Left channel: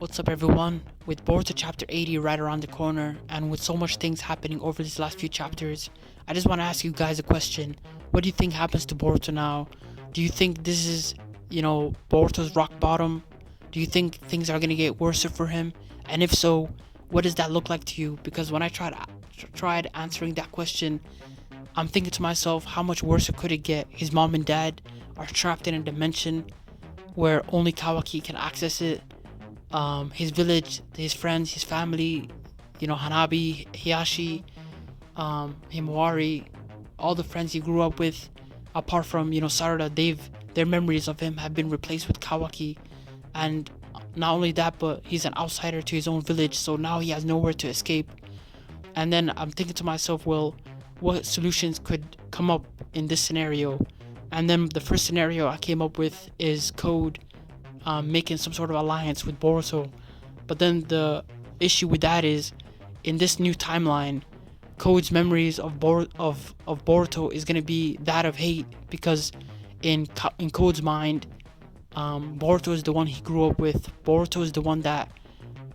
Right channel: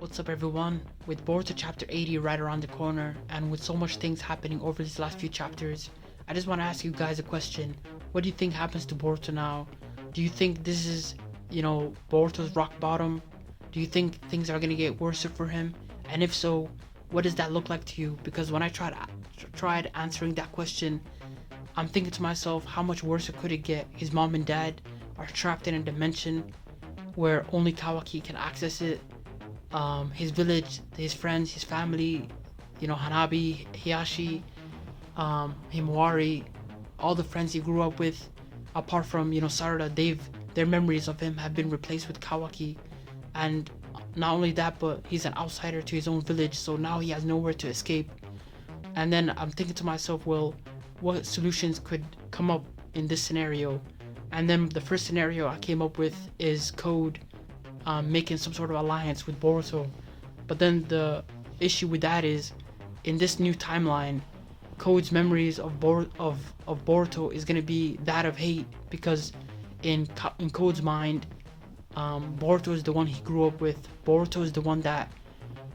What's up, everyone? With Boruto chapter 80 right around the corner, and with so much things happening over these last few chapters, I just want to ask you guys a question. What do you think happens to Boruto now? Do you think this is, Boruto's rock bottom? Do you think things are going to get worse for him? And if so, what does that look like to you? Because when I tried answering that question, I'm thinking to myself, how much worse could it get? His mom and dad are trapped in a dimension where only Kawaki can access it. His village, his friends, his family, Hanabi, Hiyashi, Himawari, all the friends he grew up with, apart from, Sarada, their memories of him have been replaced with Kawaki. And not only that, but he's an outsider to his own village, so now he has nowhere to escape. And then I'm thinking to myself, well, what solutions could come up in this scenario? And then the first scenario I came up with is Code making some sort of alliance with Boruto. But then the issue with that is, in this new timeline, Code's memories of Boruto is going to be that of hate, because in Code's mind, Boruto is the one he grew up with. Boruto is the one that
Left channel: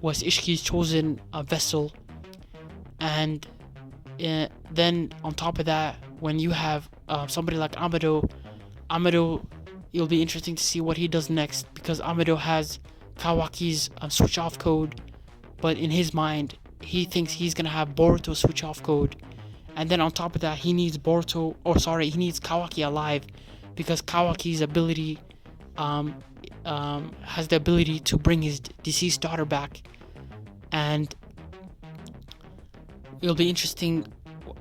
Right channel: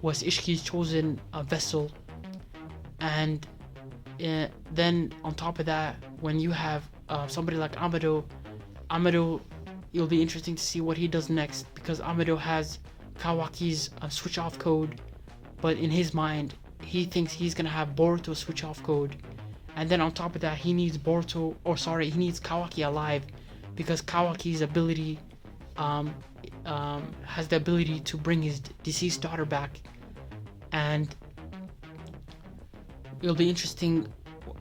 was Ishiki's chosen vessel. And then on top of that, when you have somebody like Amado, it'll be interesting to see what he does next, because Amado has Kawaki's switch off code, but in his mind, he thinks he's gonna have Boruto's switch off code. And then on top of that, he needs Kawaki alive, because Kawaki's ability has the ability to bring his deceased daughter back. And it'll be interesting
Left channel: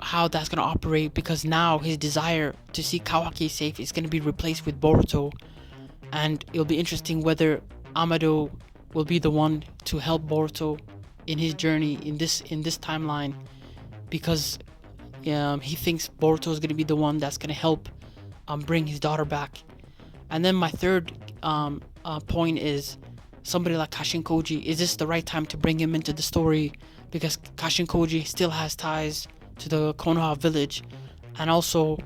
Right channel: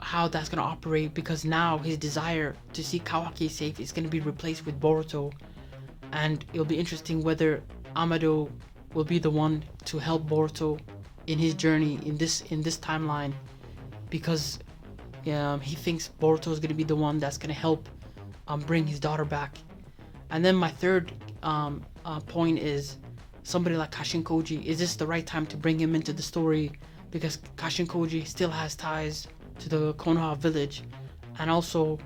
how that's going to operate, because now his desire to see Kawaki safe is going to be replaced with Boruto. And it'll be interesting whether Amado will be the one to help Boruto in his journey in this timeline, because he thinks Boruto is going to be the one that's going to help bring his daughter back. And then my third point is somebody like Kashin Koji. Is this the right time to bring him into the story? Because Kashin Koji still has ties to the Konoha village, and also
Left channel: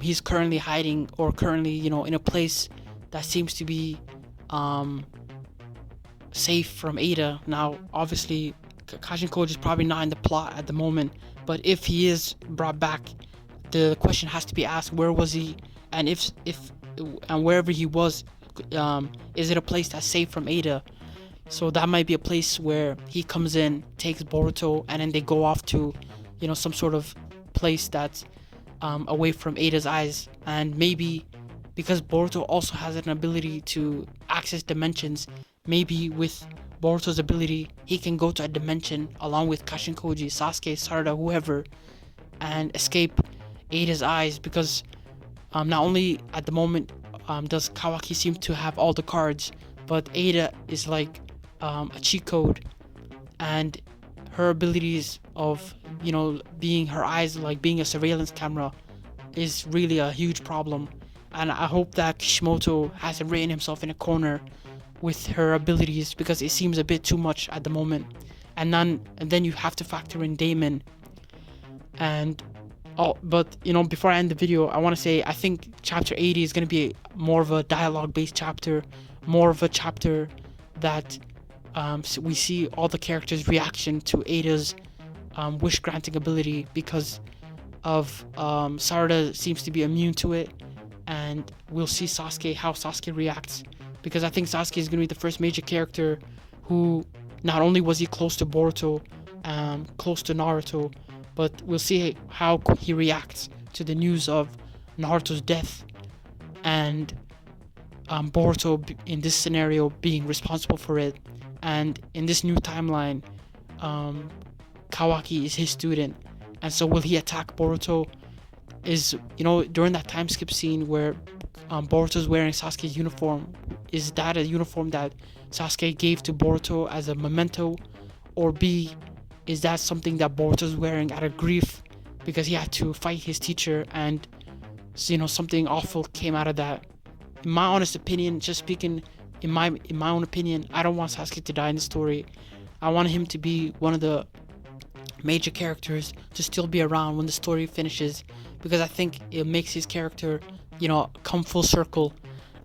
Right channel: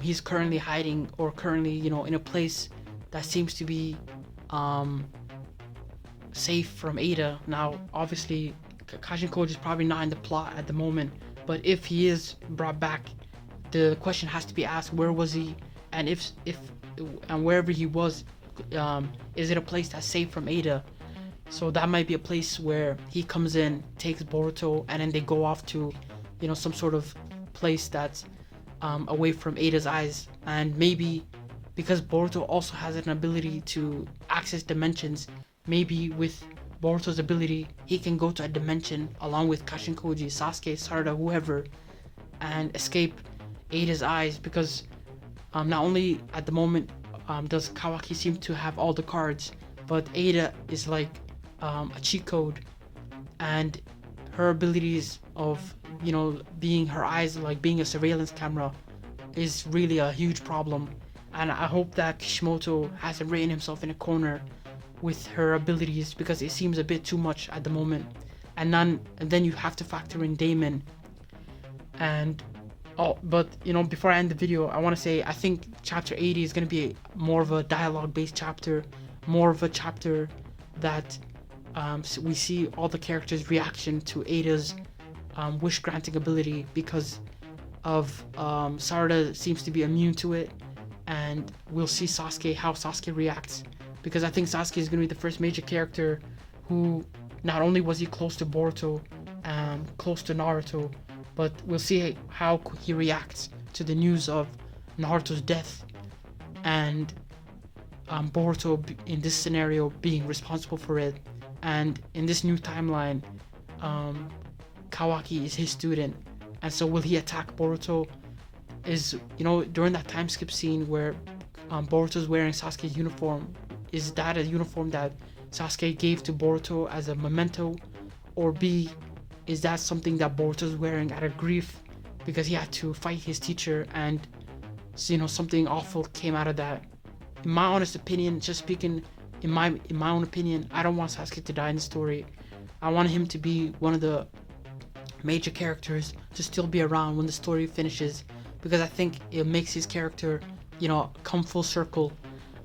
he's currently hiding, or currently in a place that seems to be safe from Ada. Now obviously Kashin Koji is probably not in the plot at the moment, but if he is brought back, the question has to be asked, where was he? And if and wherever he was, is it a place that's safe from Ada? So that might be a place where he comes in, takes Boruto, and then they go off to some sort of place that's away from Ada's eyes. And maybe because Boruto also has an ability to access dimensions, maybe with Boruto's ability, he can go to a dimension along with Kashin Koji, Sasuke, Sarada, whoever, and escape Ada's eyes. Because not only at the moment does Kawaki seem to have all the cards, but Ada is like a cheat code, and her abilities of being her eyes, like being a surveillance camera, is really a huge problem. And I hope that Kishimoto hasn't written himself in a corner with her abilities, because it seems a bit too much at the moment. And then you have to factor in Damon. And but before I end the video, I want to say I think chapter 80 is going to be more of a dialogue based chapter, more of a chapter that we see all the characters' reaction to Ada's wish granting ability, because of Sarada seems to be immune to it. And we'll see how Sasuke reacts, because I think Sasuke is going to be the first major character who, not only was he close to Boruto and close to Naruto, but we'll see how he reacts to the news of Naruto's death, and Boruto in this scenario being responsible for it. And in this new timeline, Kawaki is his student, and so will he attack Boruto? Is during that time skip scene where Boruto's wearing Sasuke's uniform, is that a uniform that Sasuke gave to Boruto as a memento? Or B, is that something that Boruto's wearing out of grief because he had to fight his teacher, and something awful came out of that? In my honest opinion, just speaking in my own opinion, I don't want Sasuke to die in the story. I want him to be one of the major characters to still be around when the story finishes, because I think it makes his character come full circle.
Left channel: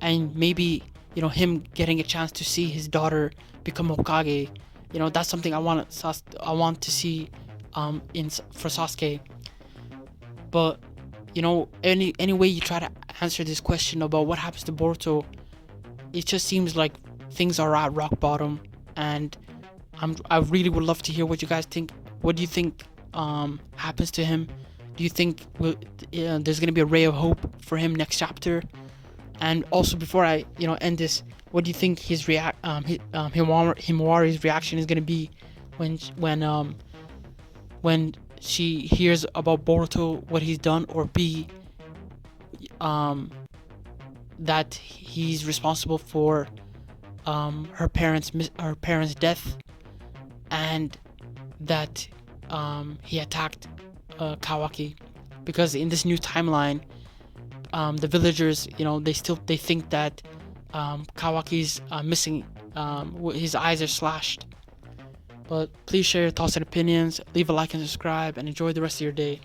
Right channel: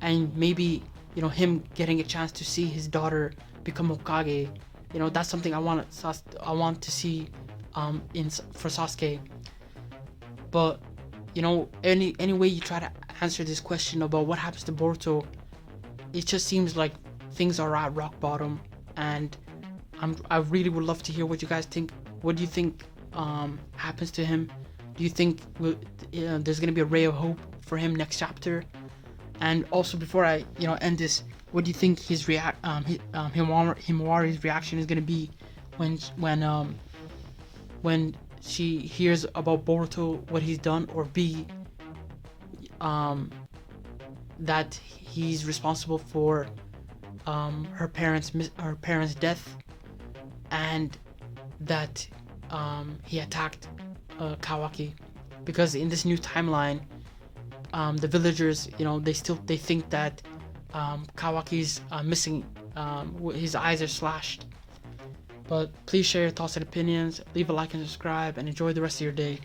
And maybe him getting a chance to see his daughter become Hokage. That's something I want to see for Sasuke. But any way you try to answer this question about what happens to Boruto, it just seems like things are at rock bottom, and I really would love to hear what you guys think. What do you think happens to him? Do you think there's gonna be a ray of hope for him next chapter? And also, before I end this, what do you think Himawari's reaction is gonna be when she hears about Boruto, what he's done, or B, that he's responsible for her parents' death, and that he attacked Kawaki, because in this new timeline, the villagers, they think that Kawaki's missing. His eyes are slashed. But please share your thoughts and opinions, leave a like and subscribe, and enjoy the rest of your day.